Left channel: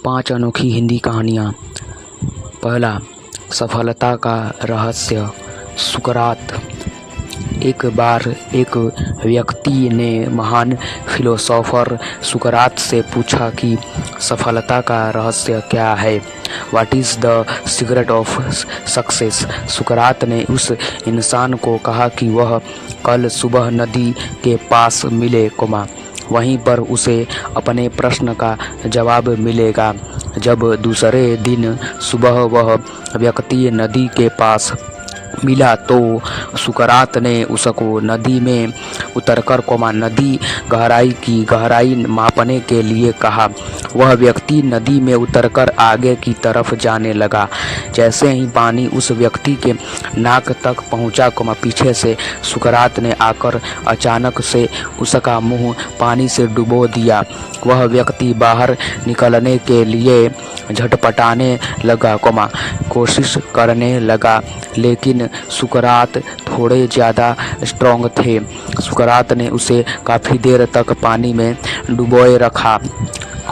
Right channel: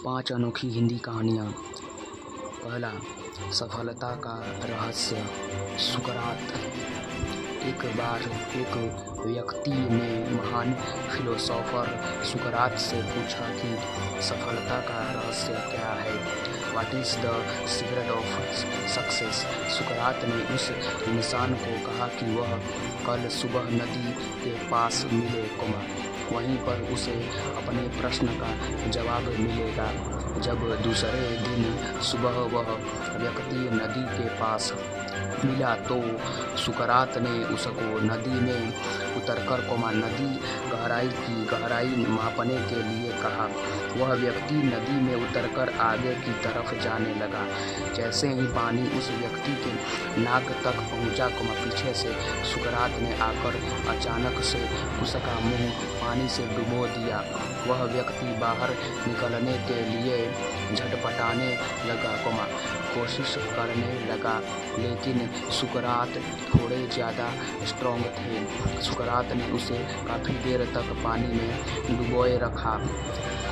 5 अनोखी हिंदी कहानियाँ। पहला, सफलता का रहस्य। सुकरात। एक बार एक व्यक्ति ने महान फिलोसोफर सुकरात से पूछा कि सफलता का रहस्य क्या है। What is the secret of success. सुकरात ने उस इंसान को कहा कि वह कल सुबह नदी के पास मिले, वहीं पर उसे अपने प्रश्न का जवाब मिलेगा। जब दूसरे दिन सुबह वह व्यक्ति नदी के पास मिला तो सुकरात ने उसको नदी में उतरकर नदी गहराई की गहराई मापने के लिए कहा। वह व्यक्ति नदी में उतरकर आगे की तरफ जाने लगा। जैसे ही पानी उस व्यक्ति के नाक तक पहुंचा, पीछे से सुकरात ने आकर अचानक से उसका मुंह पानी से डुबो दिया। वह व्यक्ति बाहर निकलने के लिए झटपटाने लगा, कोशिश करने लगा, लेकिन सुकरात थोड़े ज़्यादा स्ट्रॉन्ग थे। सुकरात ने उसे काफ़ी देर तक पानी में डुबोए रखा।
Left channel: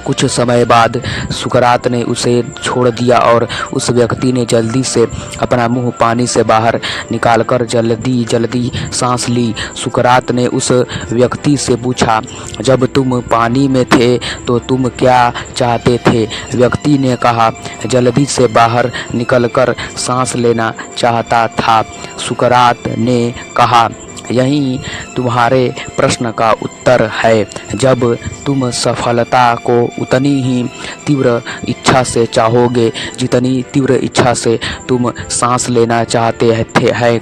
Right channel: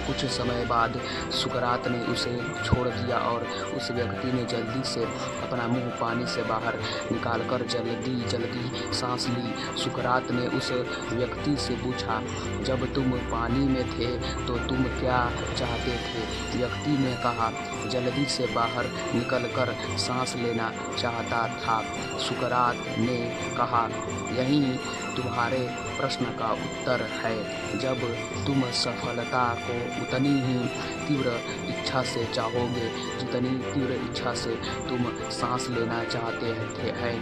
कुछ समय बाद सुकरात ने उसे छोड़ दिया और उस व्यक्ति ने जल्दी से अपना मुंह पानी से बाहर निकालकर जल्दी सांस ली। सुकरात ने उस व्यक्ति से पूछा, जब तुम पानी में थे तो तुम क्या चाहते थे? व्यक्ति ने कहा, जल्दी से बाहर निकलकर सांस लेना चाहता था। सुकरात ने कहा, यही तुम्हारे प्रश्न का उत्तर है। जब तुम सफलता को उतनी ही तीव्र इच्छा से चाहोगे जितनी तीव्र इच्छा से तुम सांस लेना चाहते हैं,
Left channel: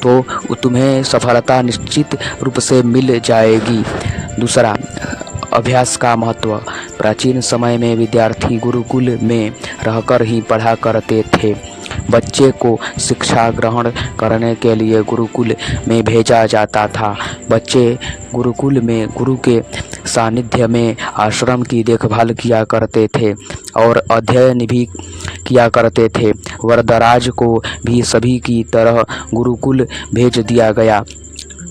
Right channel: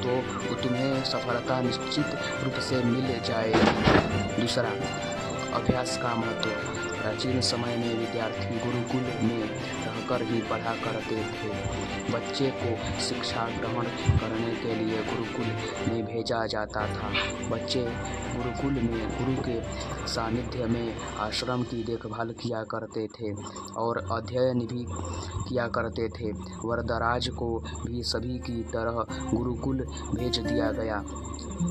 तो तुम्हें सफलता निश्चित रूप से मिल जाएगी। दूसरा, अभ्यास का महत्व। प्राचीन समय में विद्यार्थी गुरुकुल में रहकर ही पढ़ा करते थे। बच्चे को शिक्षा ग्रहण करने के लिए गुरुकुल में भेजा जाता था। बच्चे गुरुकुल में गुरु के सानिध्य में आश्रम की देखभाल किया करते थे और अध्ययन भी किया करते थे। वरदराज को भी सभी की तरह गुरुकुल भेज दिया गया।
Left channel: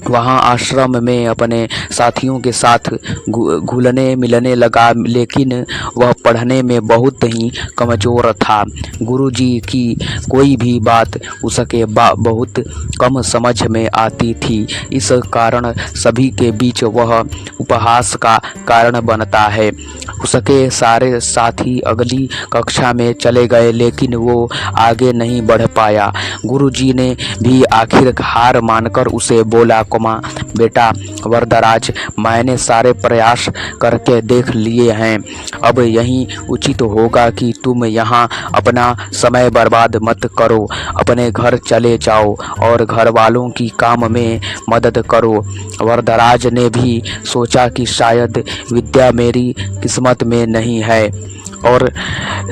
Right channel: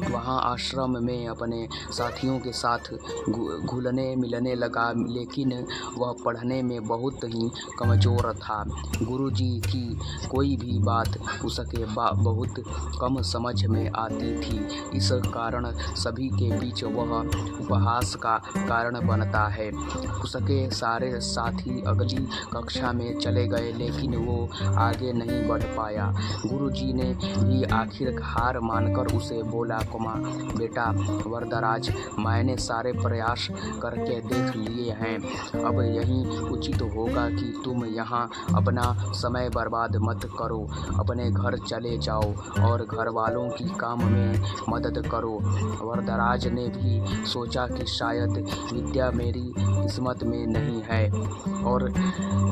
वहाँ आश्रम में अपने साथियों के साथ घुलने मिलने लगा, लेकिन वह पढ़ने में बहुत ही कमज़ोर था। गुरुजी की कोई भी बात उसके बहुत कम समझ में आती थी। इस कारण सभी के बीच वह उपहास का कारण बनता है। उसके सारे साथी अगली कक्षा में चले गए, लेकिन वो आगे नहीं बढ़ पाया। गुरुजी ने भी आखिर हार मानकर उसे बोला, बेटा वरदराज, मैंने सारे प्रयास करके देख लिए हैं। अब यही उचित होगा कि तुम यहाँ अपना समय बर्बाद मत करो। अपने घर चले जाओ और घर वालों की काम में मदद करो। वरदराज ने भी सोचा कि शायद विद्या मेरी किस्मत में नहीं है और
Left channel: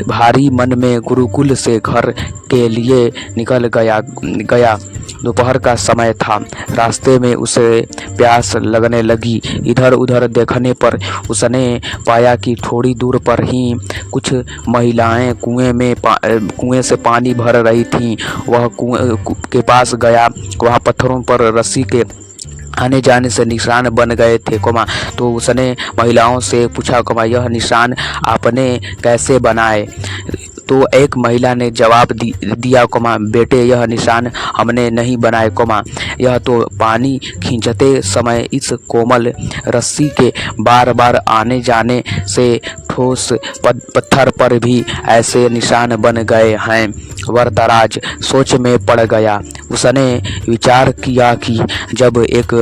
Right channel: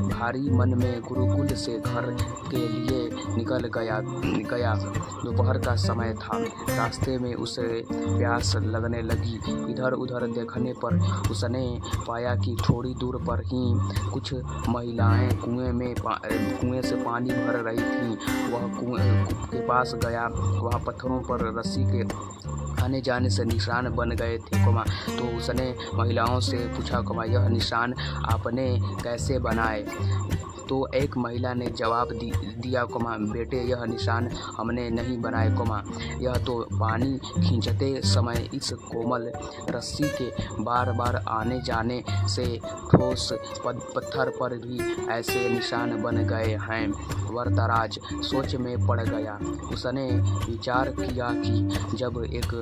भारी मन में गुरुकुल से घर के लिए निकल गया। दोपहर का समय था। रास्ते में उसे प्यास लगने लगी। इधर उधर देखने पर उसने पाया कि थोड़ी दूर पर ही कुछ महिलाएं कुएं से पानी भर रही थीं। वह कुएं के पास गया। वहाँ पत्थरों पर रस्सी के आने जाने से निशान बन गए थे, तो उसने महिलाओं से पूछा, यह निशान आपने कैसे बनाए? तो एक महिला ने जवाब दिया, बेटे यह निशान हमने नहीं बनाए, यह तो पानी खींचते समय इस कोमल रस्सी के बार बार आने जाने से ठोस पत्थर पर भी ऐसे निशान बन गए हैं। वरदराज सोच में पड़ गया। उसने विचार किया कि जब एक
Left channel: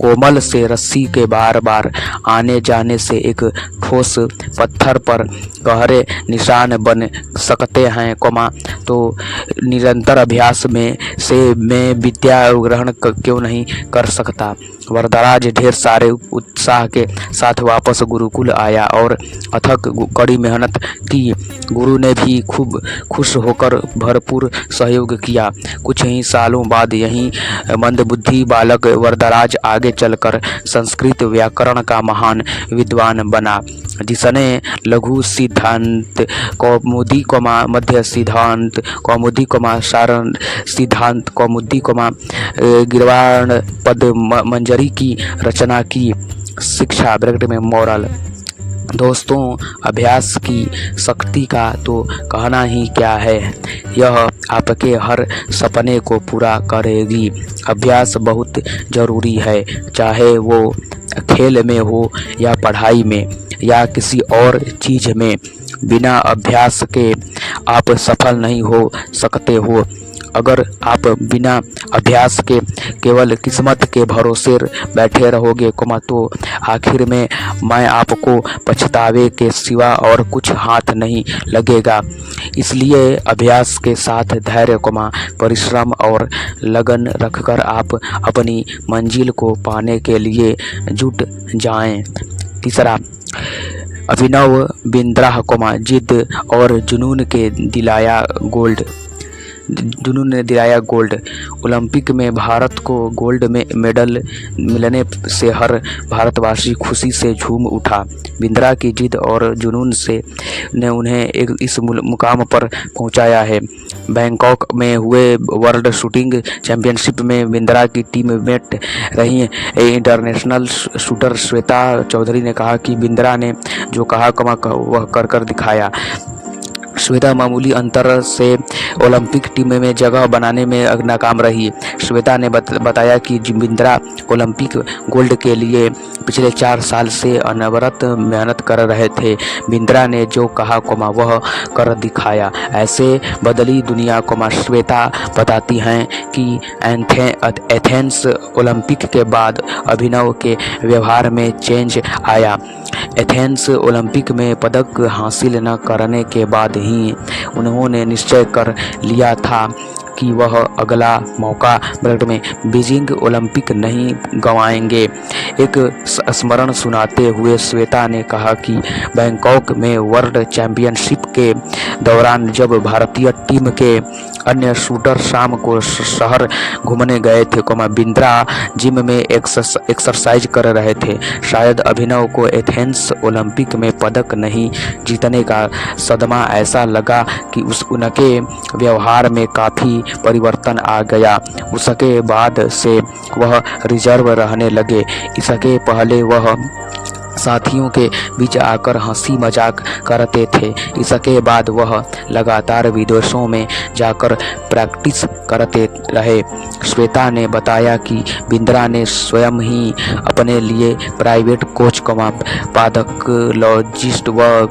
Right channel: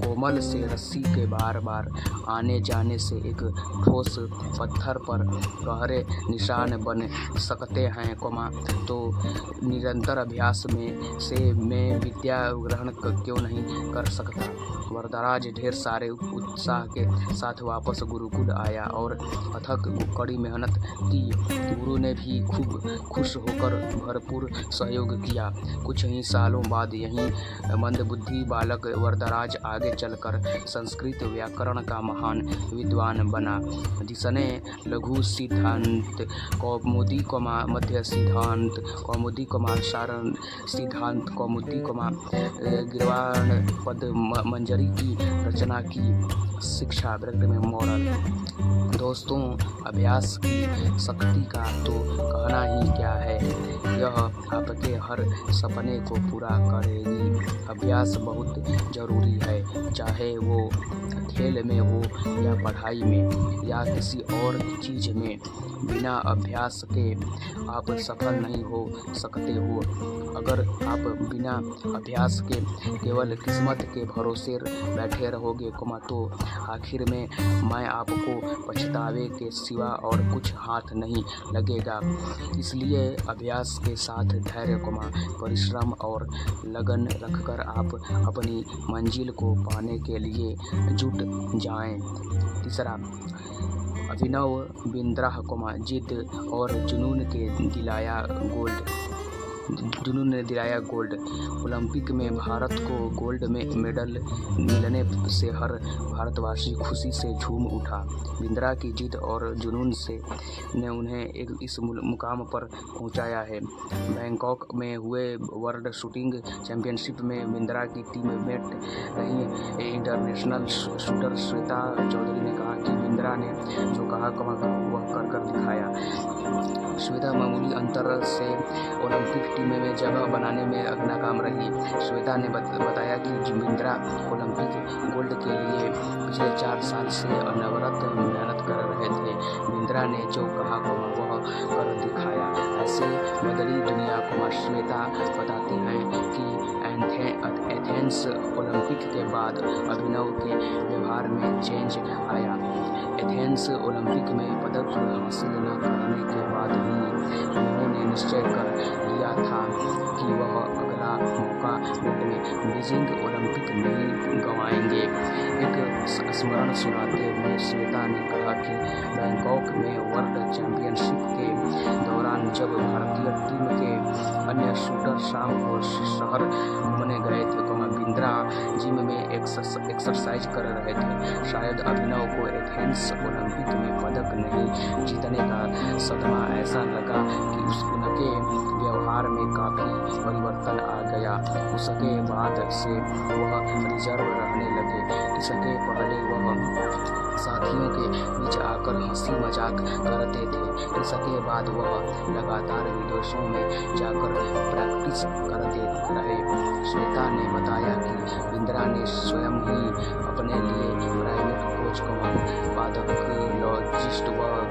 कोमल से रस्सी के बार बार आने जाने से एक ठोस पत्थर पर गहरे निशान बन सकते हैं, तो निरंतर अभ्यास में विद्या ग्रहण क्यों नहीं कर सकता। वरदराज ढेर सारे उत्साह के साथ वापस गुरुकुल आया और अथक कड़ी मेहनत की। गुरु ने भी खूब खुश होकर भरपूर सहयोग किया। कुछ ही सालों बाद यही मंदबुद्धि बालक वरदराज आगे चलकर संस्कृत व्याकरण का महान विद्वान बना, जिसने लघु सिद्धांत कौमुदी, मध्य सिद्धांत कौमुदी, सारण सिद्धांत कौमुदी, गिरवाण पद मंजरी की रचना की। शिक्षा ब्रैकेट में मॉरल। दोस्तों, अभ्यास की शक्ति का तो कहना ही क्या है। यह आपके हर सपने को पूरा करेगी। अभ्यास बहुत ज़रूरी है, चाहे वो खेल में हो या पढ़ाई में या किसी और चीज़ में। बिना अभ्यास के आप सफल नहीं हो सकते हो। अगर आप बिना अभ्यास के केवल किस्मत के भरोसे बैठे रहोगे तो आखिर में मैं आपको पछतावे के सिवा और कुछ हाथ नहीं लगेगा। इसलिए अभ्यास के साथ धैर्य, परिश्रम और लगन रखकर आप अपनी मंजिल को पाने के लिए जुट जाएं। तीसरा, अभिनव बिंद्रा, जिद और जुनून ने दिलाया गोल्ड। ओलंपिक में भारत को गोल्ड में मेडल मिलने से हर भारतवासी खुशी से झूम उठा। बिंद्रा की जिद और जुनून ने उन्हें इस मुकाम पर पहुंचाया है। बैंकॉक में हुए वर्ल्ड शूटिंग चैंपियनशिप में बिंद्रा की टीममेट रही इंटरनेशनल शूटर श्वेता चौधरी ने कहा कि बिंद्रा ने जो कहा वह कर दिखाया। श्वेता मामूली अंतर से ओलंपिक टीम में जगह बनाने में नाकाम रही। श्वेता ने बताया कि बिंद्रा ओलंपिक गोल्ड के लिए पिछले 4 साल से अनवरत मेहनत कर रहे थे। बिंद्रा ने जो कहा वह कर दिखाया। ऐसे बदली दुनिया श्वेता बताती हैं कि एथेंस ओलंपिक के बाद अभिनव के व्यवहार में चेंज आया। एथेंस ओलंपिक में पदक हासिल न करने के बाद ही उन्होंने निश्चय कर लिया था कि वह अगला मौका में बीजिंग ओलंपिक नहीं गंवाएंगे। एक स्मरण सुनाते हुए श्वेता ने कहा कि बैंकॉक में वर्ल्ड चैंपियनशिप के दौरान जब भारतीय टीम के अन्य शूटर शाम को शहर घूमने गए थे, बिंद्रा जिम में एक्सरसाइज कर रहे थे। शायद अभिनव को एथेंस ओलंपिक में पदक नहीं जीतने का सदमा ऐसा लगा कि उनके व्यवहार में काफ़ी परिवर्तन आ गया। उसके बाद से वह रिजर्व रहने लगे। इसके पहले वह साथियों के बीच आकर हंसी मजाक करते थे। इसके बाद वह लगातार विदेशों में जाकर प्रैक्टिस करते रहे। श्वेता ने बताया कि बिंद्रा ने स्वयं ही अपने लिए प्राइवेट कोच, पैथोलॉजिस्ट व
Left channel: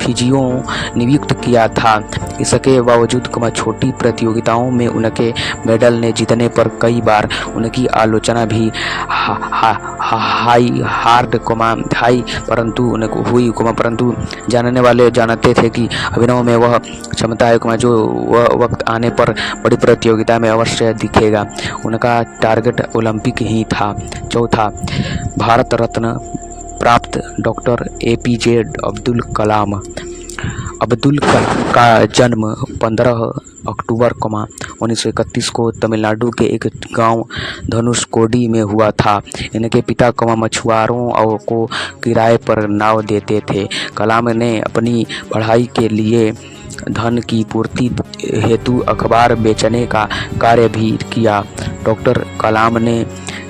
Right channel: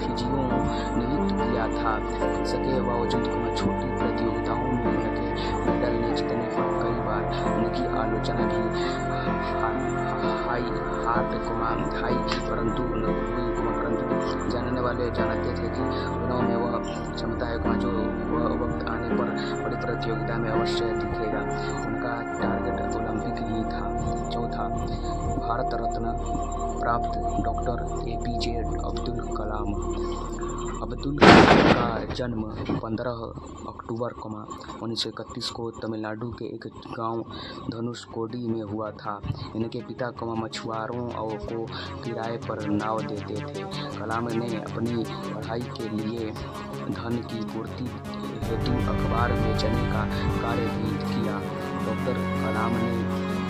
फिजियो नियुक्त किया था। इसके बावजूद छोटी प्रतियोगिताओं में उनके मेडल ने जीतने पर कई बार उनकी आलोचना भी परंतु जानने वाले जानते थे कि अभिनव में वह क्षमता है जो वह वक्त आने पर बड़ी प्रतियोगिता में अवश्य दिखेगा। उनका टारगेट ओलंपिक ही था। चौथा, भारत रत्न प्राप्त डॉक्टर APJ अब्दुल कलाम। अब्दुल का जन्म 15 अक्टूबर 1931 को तमिलनाडु के एक गांव धनुषकोडी में हुआ था। इनके पिता मछुआरों को किराए पर नाव देते थे। कलाम ने अपनी पढ़ाई के लिए धन की पूर्ति हेतु अखबार बेचने का कार्य भी किया। डॉक्टर कलाम ने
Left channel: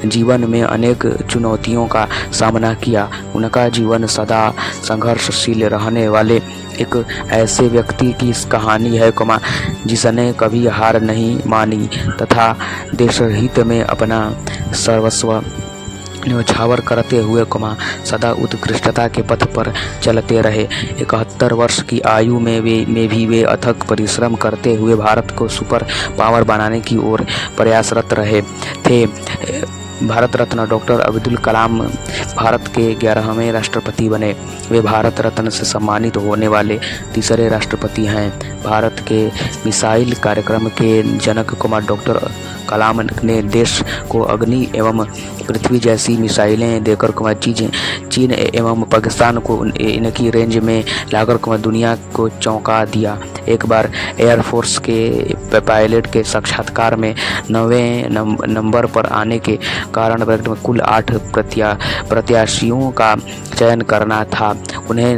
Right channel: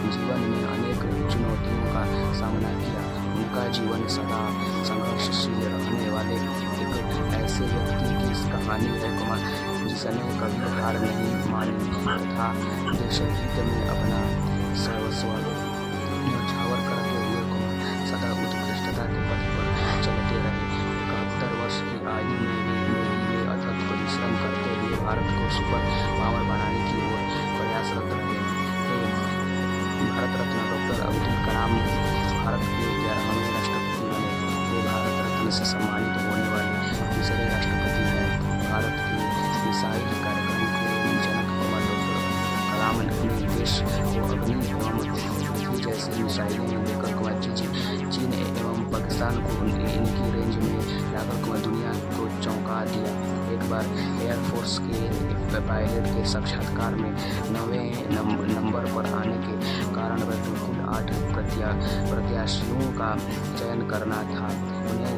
जीवन में अनेक चुनौतियों का सामना किया। उनका जीवन सदा संघर्षशील रहने वाले एक ऐसे व्यक्ति की कहानी है जिसने कभी हार नहीं मानी तथा देशहित में अपना सर्वस्व न्योछावर करते हुए सदा उत्कृष्टता के पथ पर चलते रहे। 71 वर्ष की आयु में भी वे अथक परिश्रम करते हुए भारत को सुपर पावर बनाने की ओर प्रयासरत रहे थे। भारत रत्न डॉक्टर अब्दुल कलाम भारत के 11वें राष्ट्रपति बने। वे भारत रत्न से सम्मानित होने वाले तीसरे राष्ट्रपति हैं। भारत के मिसाइल कार्यक्रम के जनक डॉक्टर कलाम ने देश को अग्नि एवं पृथ्वी जैसी मिसाइलें देकर चीन एवं पाकिस्तान को इनकी रेंज में लाकर दुनिया को चौंका दिया। एक बार एयरफोर्स के पायलट के साक्षात्कार में 9वें नंबर पर आने के कारण कुल 8 प्रत्याशियों का चयन करना था। उन्हें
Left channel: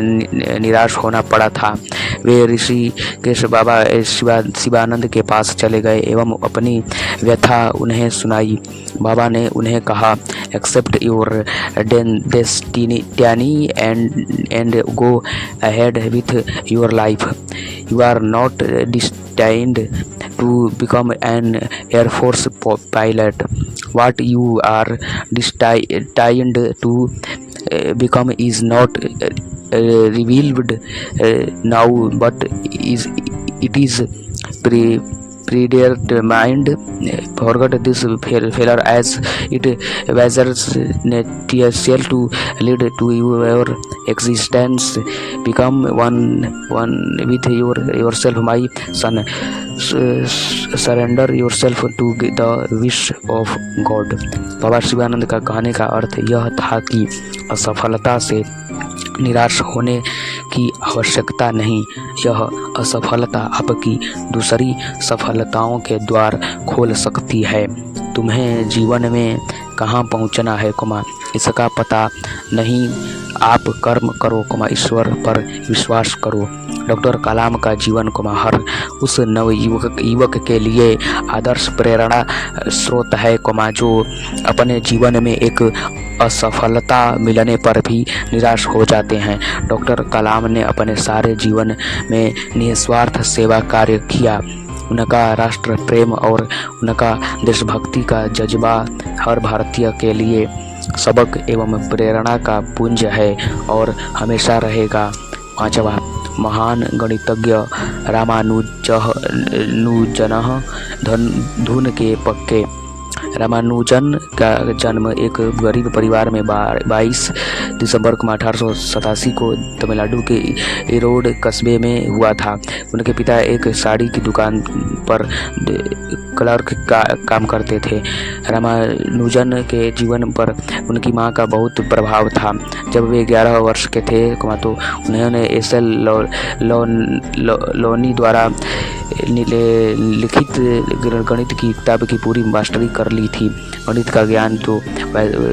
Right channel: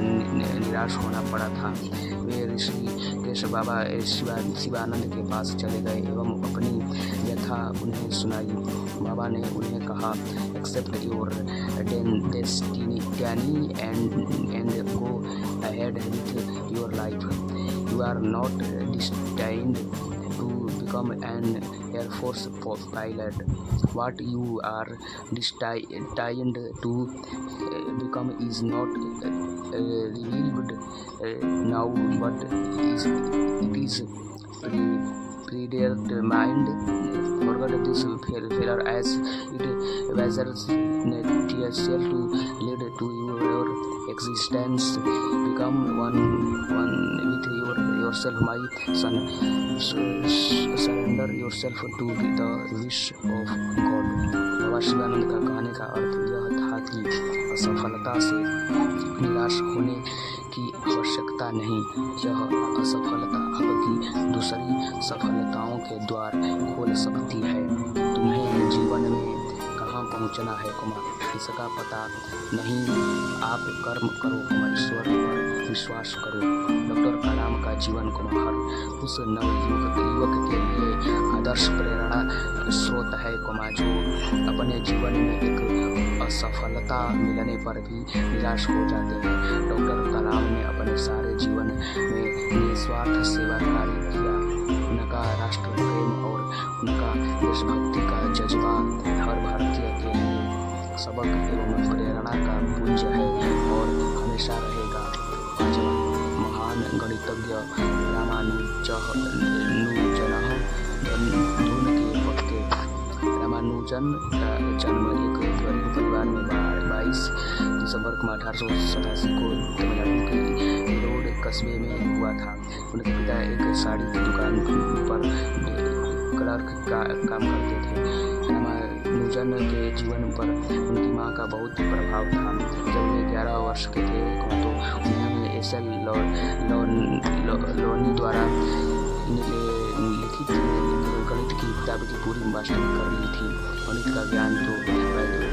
निराश होना पड़ा था। वे ऋषिकेश बाबा शिवानंद के पास चले गए एवं अपनी व्यथा उन्हें सुनाई। बाबा ने उन्हें कहा, accept your destiny and go ahead with your life. You are not destined to become an Air Force pilot. What you are destined to become is not revealed now, but it is predetermined. Forget this failure as it measures yourself to lead to your existence. Become one with yourself, my son. Surrender yourself to the wish of God. बाबा शिवानंद का कहने का अर्थ यह था कि असफलता से निराश होने की आवश्यकता नहीं। यह असफलता आपकी दूसरी सफलताओं के द्वार खोल सकती है। तुम्हें जीवन में कहाँ पहुँचना है, इसका पता नहीं। आप कर्म करो, ईश्वर पर विश्वास करो। डॉक्टर कलाम का जीवन हर उस युवक के लिए आदर्श प्रेरणा स्रोत है जो अपने जीवन में एक असफलता मिलने पर भी निराश हो जाते हैं। डॉक्टर कलाम ने अपने सारे जीवन में निस्वार्थ सेवा कार्य किया। उनका राष्ट्र प्रेम और उनका देशभक्ति का जज्बा हर भारतीय के लिए सबक एवं प्रेरणा का पुंज है और हमेशा रहेगा। 5वां, महान गणितज्ञ धुन के पक्के। रामानुजन का जन्म एक गरीब परिवार में 22 दिसंबर 1887 को तमिलनाडु के ईरोड कस्बे में हुआ था। उनके पिता एक साड़ी की दुकान पर क्लर्क का काम करते थे। रामानुजन के जीवन पर उनकी मां का बहुत प्रभाव था। जब वे 11 वर्ष के थे तो उन्होंने एस.एल. लोनी द्वारा लिखित गणित की किताब की पूरी मास्टरी कर ली थी। गणित का ज्ञान तो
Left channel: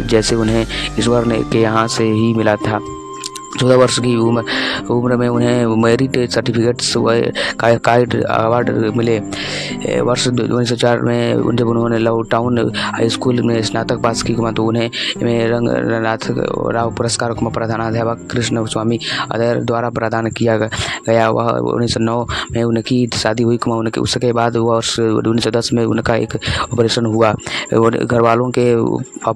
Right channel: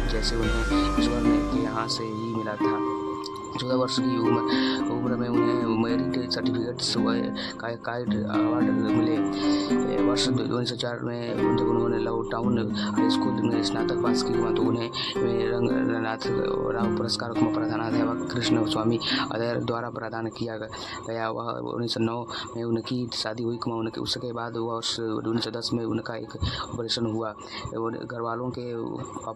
जैसे उन्हें ईश्वर के यहाँ से ही मिला था। 14 वर्ष की उम्र में उन्हें मेरिट सर्टिफिकेट्स व काइट अवार्ड मिले। वर्ष 1904 में जब उन्होंने लव टाउन हाई स्कूल में स्नातक पास की तो उन्हें रंगनाथ राव पुरस्कार प्रधानाध्यापक कृष्ण स्वामी अय्यर द्वारा प्रदान किया गया। वह 1909 में उनकी शादी हुई। उनके उसके बाद वर्ष 1910 में उनका एक ऑपरेशन हुआ। घर वालों के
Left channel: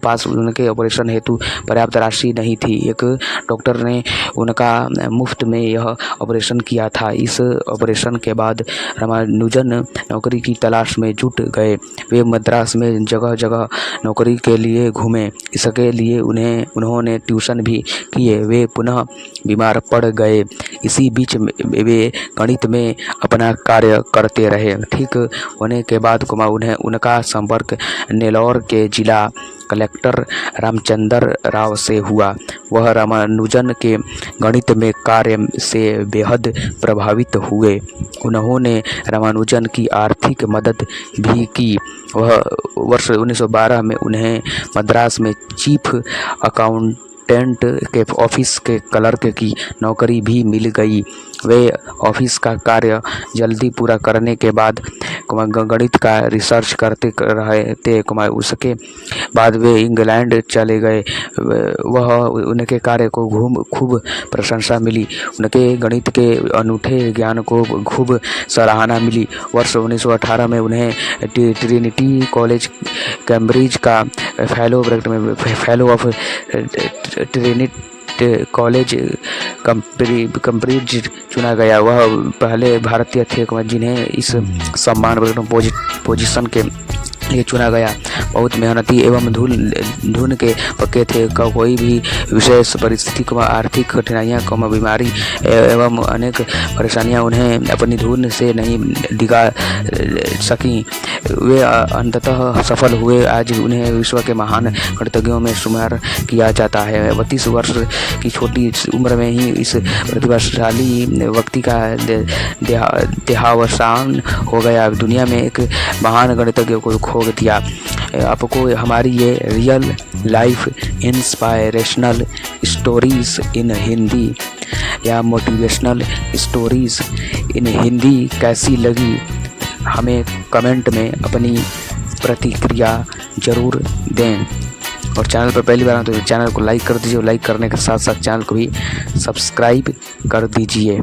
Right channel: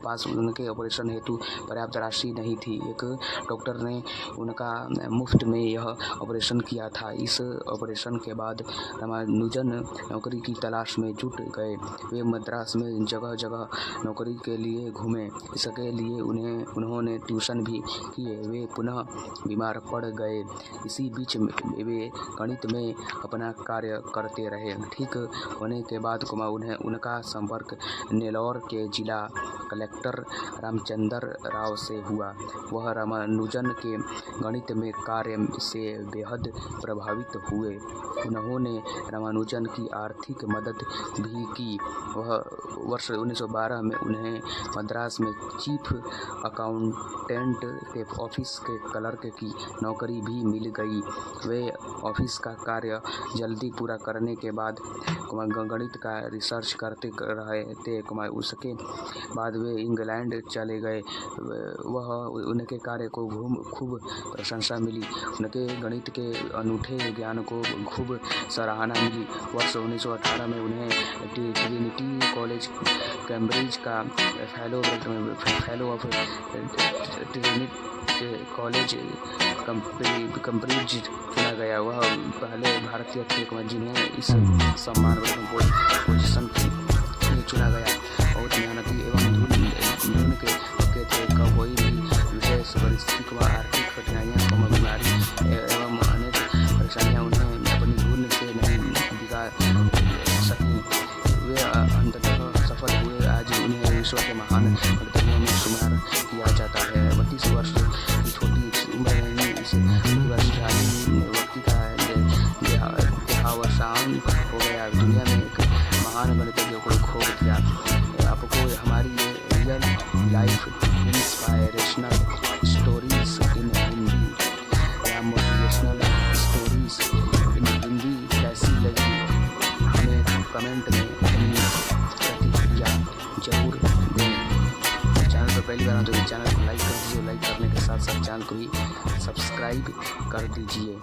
पास उनके ऑपरेशन हेतु पर्याप्त राशि नहीं थी। एक डॉक्टर ने उनका मुफ्त में यह ऑपरेशन किया था। इस ऑपरेशन के बाद रामानुजन नौकरी की तलाश में जुट गए। वे मद्रास में जगह जगह नौकरी के लिए घूमे। इसके लिए उन्होंने ट्यूशन भी किए। वे पुनः बीमार पड़ गए। इसी बीच वे गणित में अपना कार्य करते रहे। ठीक होने के बाद उन्हें उनका संपर्क नेल्लौर के जिला कलेक्टर रामचंद्र राव से हुआ। वह रामानुजन के गणित में कार्य से बेहद प्रभावित हुए। उन्होंने रामानुजन की आर्थिक मदद भी की। वह वर्ष 1912 में उन्हें मद्रास में चीफ अकाउंटेंट के ऑफिस के क्लर्क की नौकरी भी मिल गई। वे ऑफिस का कार्य जल्दी पूरा करने के बाद गणित का रिसर्च करते रहे थे। उसके बाद वे इंग्लैंड चले गए। वह उनके कार्य को खूब प्रशंसा मिली। उनके गणित के अनूठे ज्ञान को खूब सराहना मिली। वर्ष 1918 में उन्हें ट्रिनिटी कॉलेज कैम्ब्रिज का fellow of Trinity college Cambridge चुना गया। वह पहले भारतीय थे जिन्हें इस सम्मान पोजीशन के लिए चुना गया। बहुत मेहनती एवं धुन के पक्के थे। कोई भी विशेष परिस्थिति आर्थिक कठिनाइयाँ बीमारी एवं अनेक परेशानियाँ उन्हें अपनी धुन से नहीं डिगा सकी। वे अंततः सफल हुए। आज उन्हें विश्व के महान गणितज्ञों में शुमार किया जाता है। 32 वर्ष की छोटी उम्र में ही इस प्रतिभाशाली व्यक्ति का देहावसान हो गया। दुनिया में एक महान गणितज्ञ को खो दिया। आपको हमारी ये real life inspirational stories in Hindi या मोटिवेशनल स्टोरीज़ इन हिंदी कैसी लगी, हमें कमेंट में अपनी प्रतिक्रिया ज़रूर दें। और चैनल पर पहली बार आए तो चैनल को लाइक कर दीजिए और लाइक करने के साथ साथ चैनल को भी सब्सक्राइब कर दीजिए।